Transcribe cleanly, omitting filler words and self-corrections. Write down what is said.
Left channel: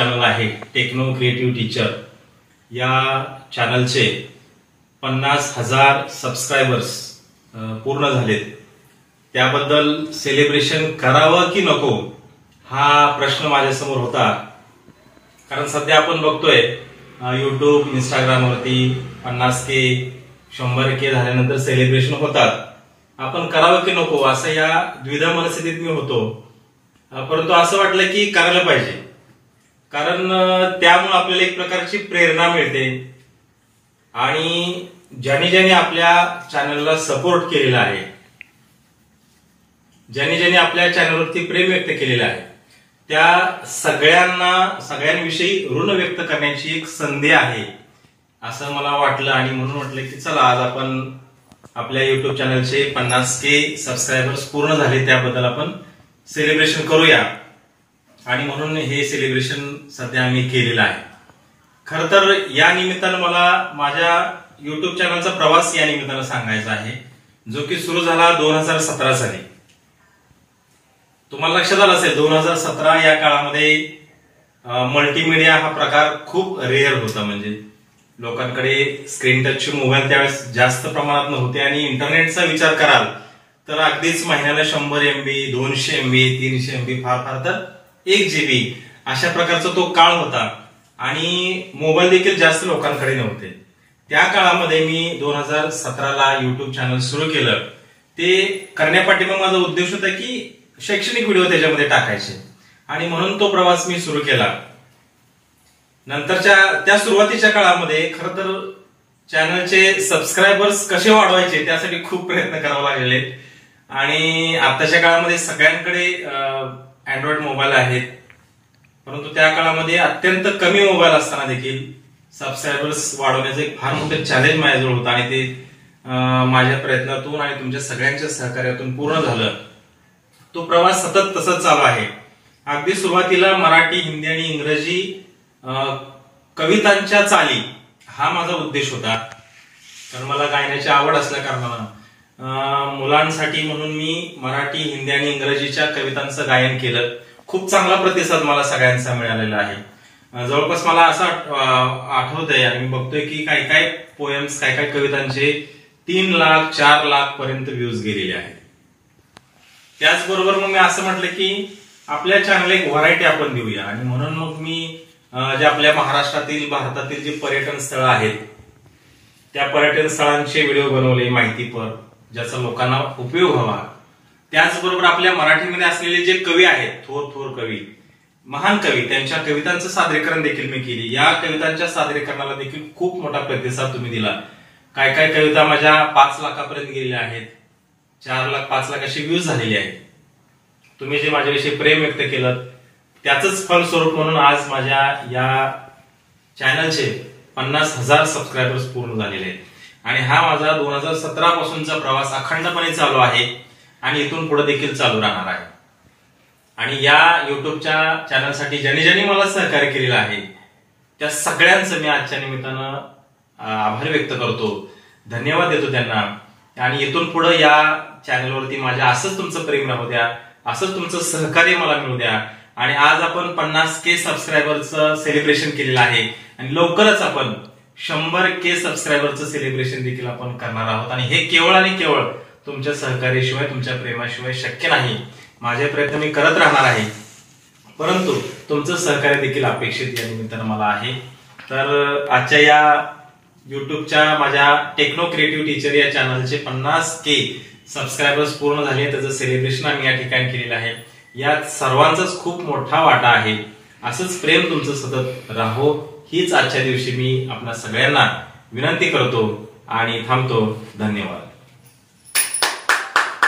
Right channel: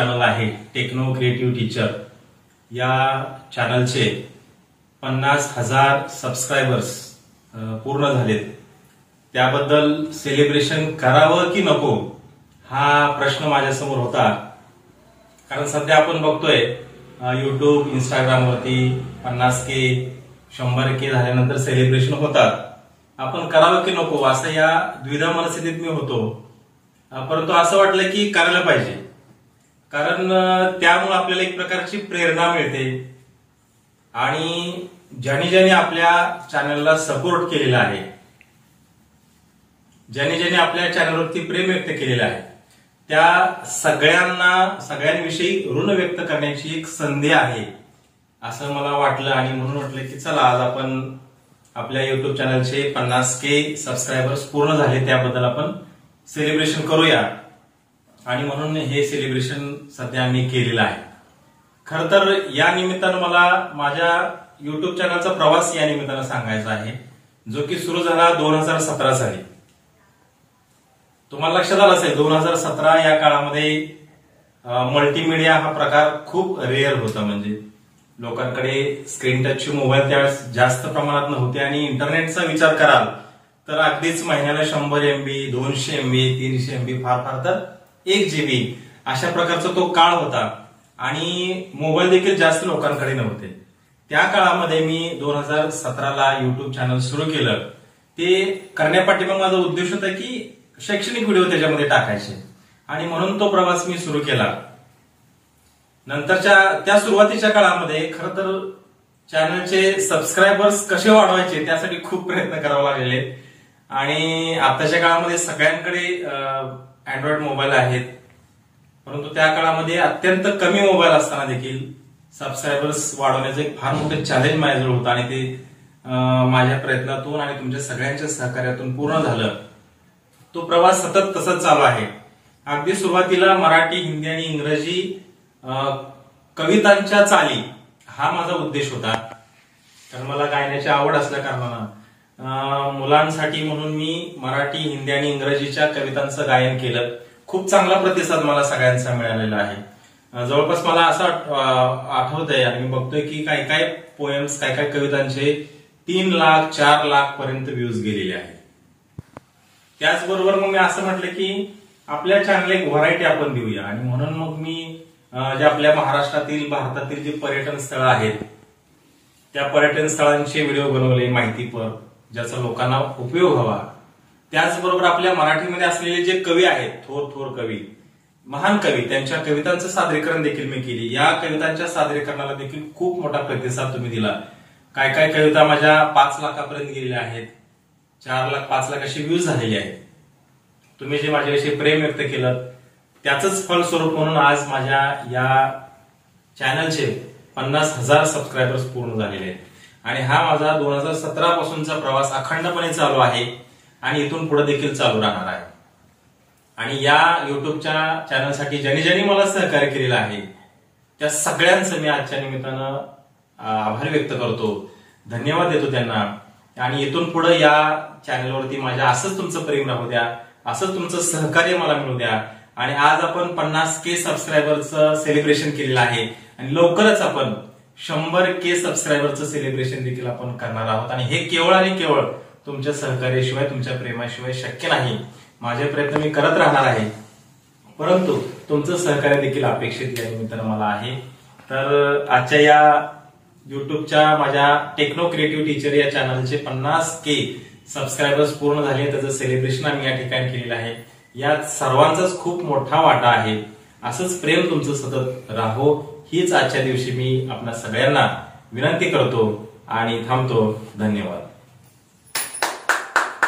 Channel आहे techno creative teacher, या चॅनलचे 50,000 subscribers पूर्ण झालेत. त्याबद्दल सेलिब्रेशन करावं की नको हा प्रश्न माझ्यासमोर होता. कारण सध्या आपण बघतोय युट्यूब, इंस्टाग्रामवरती 50K 100K झाल्यानंतर सेलिब्रेशन होतात. आपण करावं की नको असं या द्विधा मनस्थितीत मी होतो. परंतु असं वाटलं की करायला पाहिजे, कारण त्यामुळे आपल्याला एक प्रकारची प्रेरणा मिळते. आणि ज्यांनी आपल्या चॅनलला सपोर्ट केलेला आहे, ज्यांनी आपल्या चॅनलवरती प्रेम व्यक्त केलेलं आहे, त्या सगळ्यांविषयी ऋण व्यक्त करण्याची एक संधी आहे असं मला वाटलं. आणि म्हणून म्हटलं की चला आज आपण आपल्या युट्यूब चॅनलचे 50K सबस्क्रायबर्स पूर्ण झाले, त्याबद्दल आपण सेलिब्रेशन करूया. आणि म्हणून हे सेलिब्रेशन सध्या आम्ही केलेलं आहे. खर तर या निमित्तानं मला माझ्या युट्यूब चॅनलचा प्रवास या निमित्तानं सांगायचा आहे, जो की सुरू झाला 2017 साली. तुम्हाला लक्षात आलं असेल 2017 या काळामध्ये मल्टीमीडिया हा प्रकार खूप रेअर होता. म्हणजे लोकांकडे स्क्रीन टचचे मोबाईल त्यावेळेस जास्त प्रमाणात नव्हते. आणि इंटरनेटचा विचार कराल तर अगदीच महिन्याला 100 MB, 200 MB, 300 MB, फार तर 1 GB अशा प्रकारचा तो काळ होता. आणि मोबाईल देखील जास्त लोकांकडे नव्हते. त्या काळामध्ये मी 2017ला युट्यूब चॅनल सुरू केलं. ते करण्यापाठी माझा उद्देश होता की शैक्षणिक व्हिडिओ त्याच्यामध्ये टाकायचे, आणि म्हणून तो प्रवास मी सुरू केला. नंतरच्या त्या सुरुवातीच्या काळामध्ये खरं तर चॅनलचे सबस्क्रायबर्स कसे वाढवायचे त्यासाठी खूप प्रयत्न करावे लागलेले. आणि आताच्या काळामध्ये सगळ्यांकडे अँड्रॉइड मोबाईल आहेत, परंतु त्या काळामध्ये अत्यंत कमी मोबाईल असताना देखील सबस्क्रायबर्स वाढवण्याचं एक फार मोठं चॅलेंज माझ्याजवळ होतं. आणि ते माझ्या प्रयत्नातून आणि तुमच्या सगळ्यांच्या सहकार्यातून पूर्ण झालं. तो प्रवास सतत तसंच चालू आहे. अगदी सुरुवातीला मराठी, हिंदी आणि इंग्रजी कवितांच्या चाली हा माझा उद्देश होता. कारण मला गायनाची आवड असल्या कारणानं मुलांसाठी म्हणून मी मराठी, हिंदी आणि इंग्रजीच्या कवितांचं गायन केलं. खूप चांगला प्रतिसाद मला सगळ्यांचा मिळालेला आहे. जवळपास मला असं आठवतंय आणि मी बघतोय की काय पोएम्स, काय कवितांचे 3 लाख 4 लाख पर्यंत व्ह्यूज गेलेले आहेत. त्याचबरोबर मग मी असं म्हटलं की आपल्या चॅनलला एक व्हरायटी आपण देऊया. आणि म्हणून मग मी जे आपल्या महाराष्ट्रातील, भारतातील जे पर्यटन स्थळं आहेत त्या पर्यटन स्थळांचे व्हिडिओ बनवले, माहितीपर, ज्याचा लोकांना उपयोग व्हावा. त्याचबरोबर आपल्या मराठीमध्ये असलेले जे कवी आहेत, थोर कवी, महान कवी, त्यांच्या कवितांचं सादरीकरण देखील मी केली. या कवितांच्या सादरीकरणाला देखील खूप मोठा प्रतिसाद तुम्ही दिला. काय कविता माझ्या 5 लाखापर्यंत गेलेल्या आहेत, 4 लाख 5 लाख अशी व्ह्यूज झालेली आहेत. तुम्ही जे माझ्याविषयी प्रेम व्यक्त केलं त्याचंच फलस्वरूप म्हणून आज माझ्या या चॅनलचे 50,000 सबस्क्रायबर्स पूर्ण झालेले आहेत. आणि हा माझा 2017 पासूनचा प्रवास अखंडपणे चालू आहे आणि इथून पुढे देखील चालू राहणार आहे. आणि या युट्यूबच्या चॅनलसाठी ज्यांनी मला सहकार्य केलेलं आहे त्या सगळ्यांचं मी आजच्या निमित्तानं आभार व्यक्त करतो, धन्यवाद देतो त्यांना. आणि इथून पुढे या चॅनलवरती माझ्या असंच तुमचं प्रेम राहू द्या, असंच तुमचं सहकार्य मला मिळू द्या. आणि आज आपण 50K सबस्क्रायबरचं सेलिब्रेशन केलेलं आहे आणि लवकरच आपण 100K सबस्क्रायबरचं सेलिब्रेशन देखील आपण करणार आहोत. आणि हे केवळ आणि केवळ तुमच्या सहकार्याशिवाय, तुमच्या प्रेमाशिवाय शक्य नाही. माझे प्रयत्न मी करत राहणार आहे, परंतु तुमचं सहकार्य देखील अपेक्षित या निमित्तानं मला आहे. तर आजच्या या युट्यूबच्या माझ्या टेक्नो क्रिएटिव्ह टीचर या चॅनलचे 50K सबस्क्रायबर्स पूर्ण झाले, त्याचं सेलिब्रेशन आम्ही या ठिकाणी केलेलं आहे. यात सर्वांचाच खूप मोठा वाटा आहे. असंच प्रेम तुमचं सतत राहो हीच आजच्या दिवशी मी आपल्या सगळ्यांना विनंती करतो आणि थांबतो. धन्यवाद.